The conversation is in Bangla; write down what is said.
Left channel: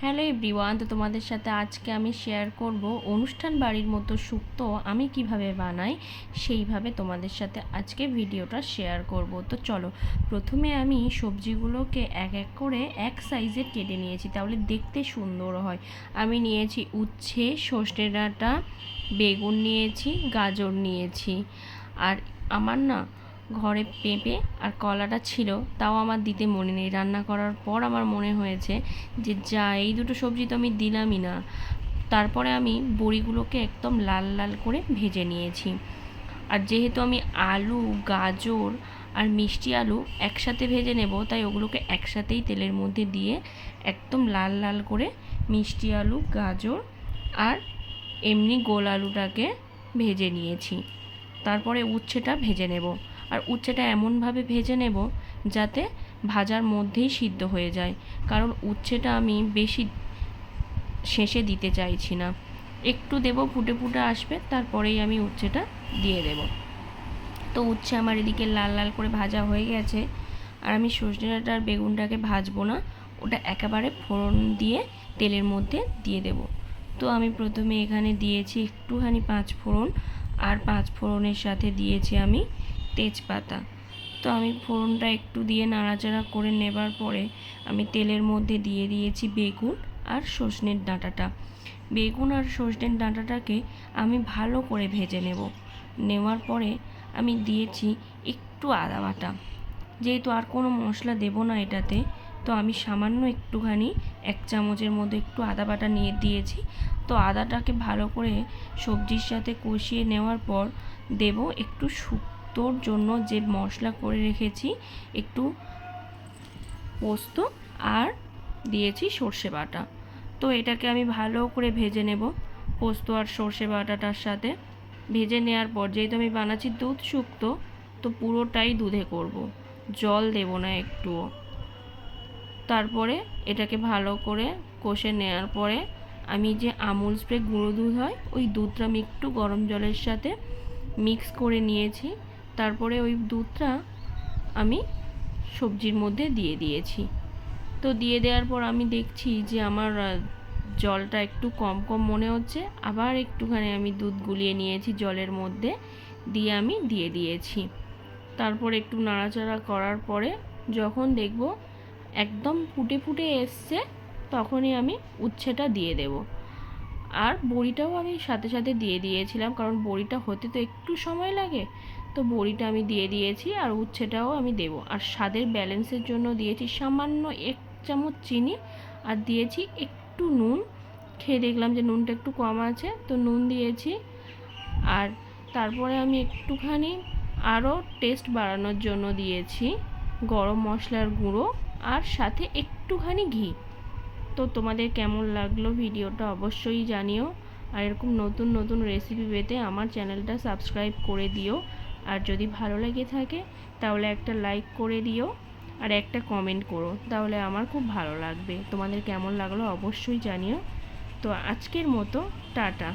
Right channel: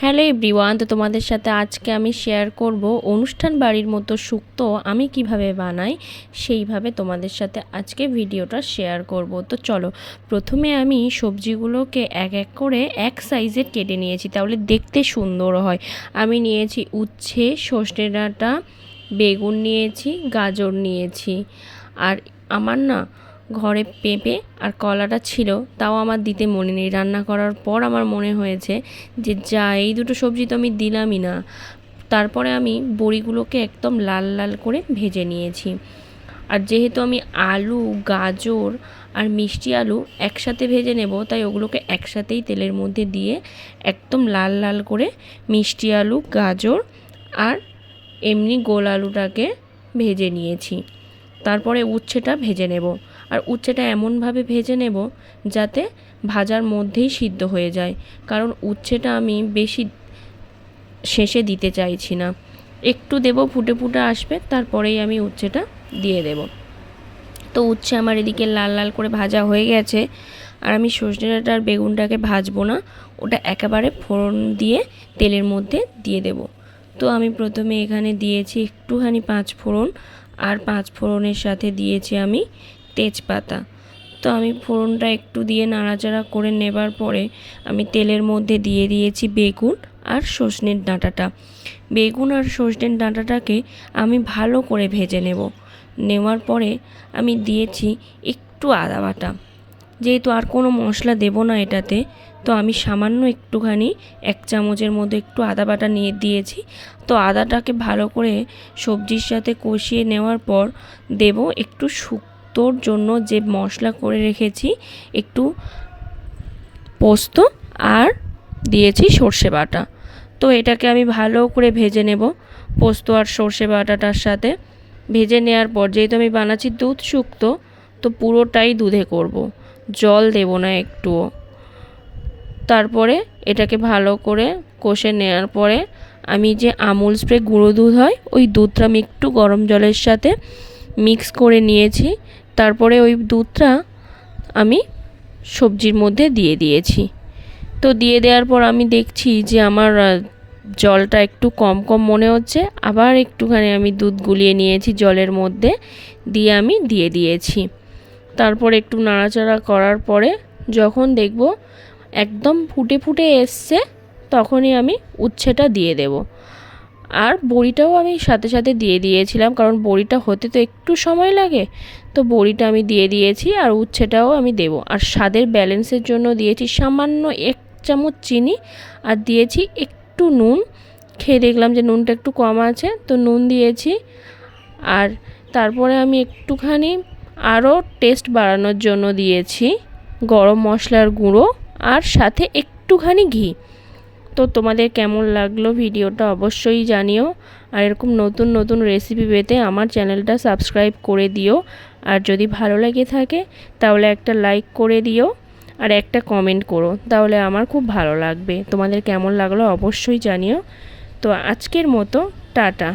হ্যালো এভরিওয়ান, তো তোমাদের সাথে আজকে আমি শেয়ার করব অনুষ্ঠান বাড়ির মতো শুক্তো আমি কীভাবে বানাই সেইভাবে তোমাদের সাথে আজকে ভিডিওটা শেয়ার করব। তো চলো, প্রথমে আমি সবজিগুলোকে এক এক করে এক সাইজের কেটে নিয়েছি, তাহলে দেখতে সুন্দর হয়। আমি নিয়েছি উচ্ছে সর্ষে ডাঁটা বেগুন নিয়েছি, গাজর নিয়েছি। আর আমার না ঘরে পেঁপে আর কলাটা ছিল, তাও আমার দিতে মনে নেই। রান্না করার পর আমার মনে হয়েছে যে, যা, এই দুটো সবজি তো আমি দিলামই না। তারপরে আমি বড়িগুলোকে একদম লাল লাল করে ভেজে নিয়েছি। আর যেহেতু আমি আলু, গাজর আর মিষ্টি আলু একসাথে ভেজে নেব, তাই ওগুলোকে একসাথেই তেলের মধ্যে দিয়ে একদম লাল লাল করে মিষ্টি আলু, গাজর আর এমনি গোল আলুটাকে ভেজে নিয়েছি। তারপরে উচ্ছেটা ভেজে নেব। আর উচ্ছেটা এমনভাবে ভেজে নেব যাতে ভাজার মধ্যেই সিদ্ধ হয়ে যায়। কারণ উচ্ছেটা আমি বেশি শেষে দিতে চাইছি না। একটু দেব, ফুটে ফুটে আসবে, তারপরেই আমি উচ্ছেটা দিয়ে দেব। তো উচ্ছে আমার এদিকে লাল লাল করে ভাজা হয়ে গেছে। আর আমি সজনে ডাঁটা আর বেগুনটাকে ভাজবো না, ওটা একেবারে ফোড়ন দিয়ে তেলের মধ্যে দিয়ে দেব। তো আমি প্রথমে এখানে দিয়েছি একটুখানি পাঁচ ফোড়ন, আর পাঁচ ফোড়নের সাথে দিয়েছি আমি তেজপাতা। তো আমি ফোড়নটা একটু দিয়ে নাড়াচাড়া করে নেবার পরে আমি তেলের মধ্যে দিয়ে দিয়েছি বেগুন আর সজনের ডাঁটাটা। বেগুন আর সজনের ডাঁটাটাকে আমি ভালো করে ভেজে নেব। নেওয়ার পরে আমি দিয়েছি একটু আদা বাটা। যেহেতু আর কোনো মশলা দেব না এটাতে, তো আমি সামান্য একটুখানি এক চামচের মধ্যে একটু আদা বাটা নিয়ে দিয়েছি। তো আদাটাকে ভালো করে সবজির সাথে কষিয়ে নেওয়ার পর দেব একটু শুক পোস্তর জন্য যে মশলা করে রেখেছি, একটু পোস্ত আর দিয়েছি সর্ষে বাটা। তো এটাকে আমি ভালো করে ভেজে নেব পোস্ত আর সর্ষে বাটাটার সাথে। ভেজে নেওয়ার পর যেহেতু আমি বানাচ্ছি দুধ শুক্তো, তো পুরোটাই দুধে করব। জল দেব না একটুও। তারপরে এটাকে ভালো করে কষে নেওয়ার পরে আমি যে আমুল স্প্রে গুঁড়ো দুধ হয়, ওই দুধটা আমি একটু গরম জলের সাথে মিক্স করে নিয়েছি। তারপরে ওই দুধটা আমি সবজির মধ্যে দিয়ে দিয়েছি। তো দিয়ে দেওয়ার পর আমি দেখছি যে আমার জলটা একটু কম কম মনে হচ্ছে। আবার একটুখানি আমি দুধ গুলিয়ে নিয়েছি জলের মধ্যে দিয়ে আমি দিয়ে দিয়েছি। তারপর একটু নাড়াচাড়া করার পরে যখন দেখব একদম ফুটে ফুটে এসছে, তখনই আমি উচ্ছেটা দিয়ে দেব। আর বড়িটাও আমি সাথে সাথে দিয়ে দিয়েছিলাম, কারণ বড়িটা হতে তো একটু সময় লাগে। তো বড়িটা আমি দিয়ে দিয়েছি আর উচ্ছেটাও আমি দেব। আর স্বাদের ব্যালেন্সের জন্য দিয়েছি সামান্য এক চামচ চিনি আর দিয়েছি একটু নুন। খেয়ে দেখলাম যে নুনটা একটু কম আছে, তো নুন দিয়েছি। আর তারপরে আমি একটুখানি আরও টেস্ট বাড়ানোর জন্য দিয়েছি গরম মশলার গুঁড়ো আর সাথে একটুখানি ঘি। তো তোমাদের কেমন লাগল ভিডিওটা অবশ্যই জানিও। আর এরকম নতুন নতুন রেসিপি পেতে আমার চ্যানেলটা সাবস্ক্রাইব করে দিও। আর যদি ভালো লেগে থাকে, তাহলে একটা লাইক করে দিও আর একটা কমেন্ট করো। তাহলে আমার খুব ভালো লাগবে। তোমাদের কেমন লাগল অবশ্যই জানিও। তো আজকের মতো, টাটা।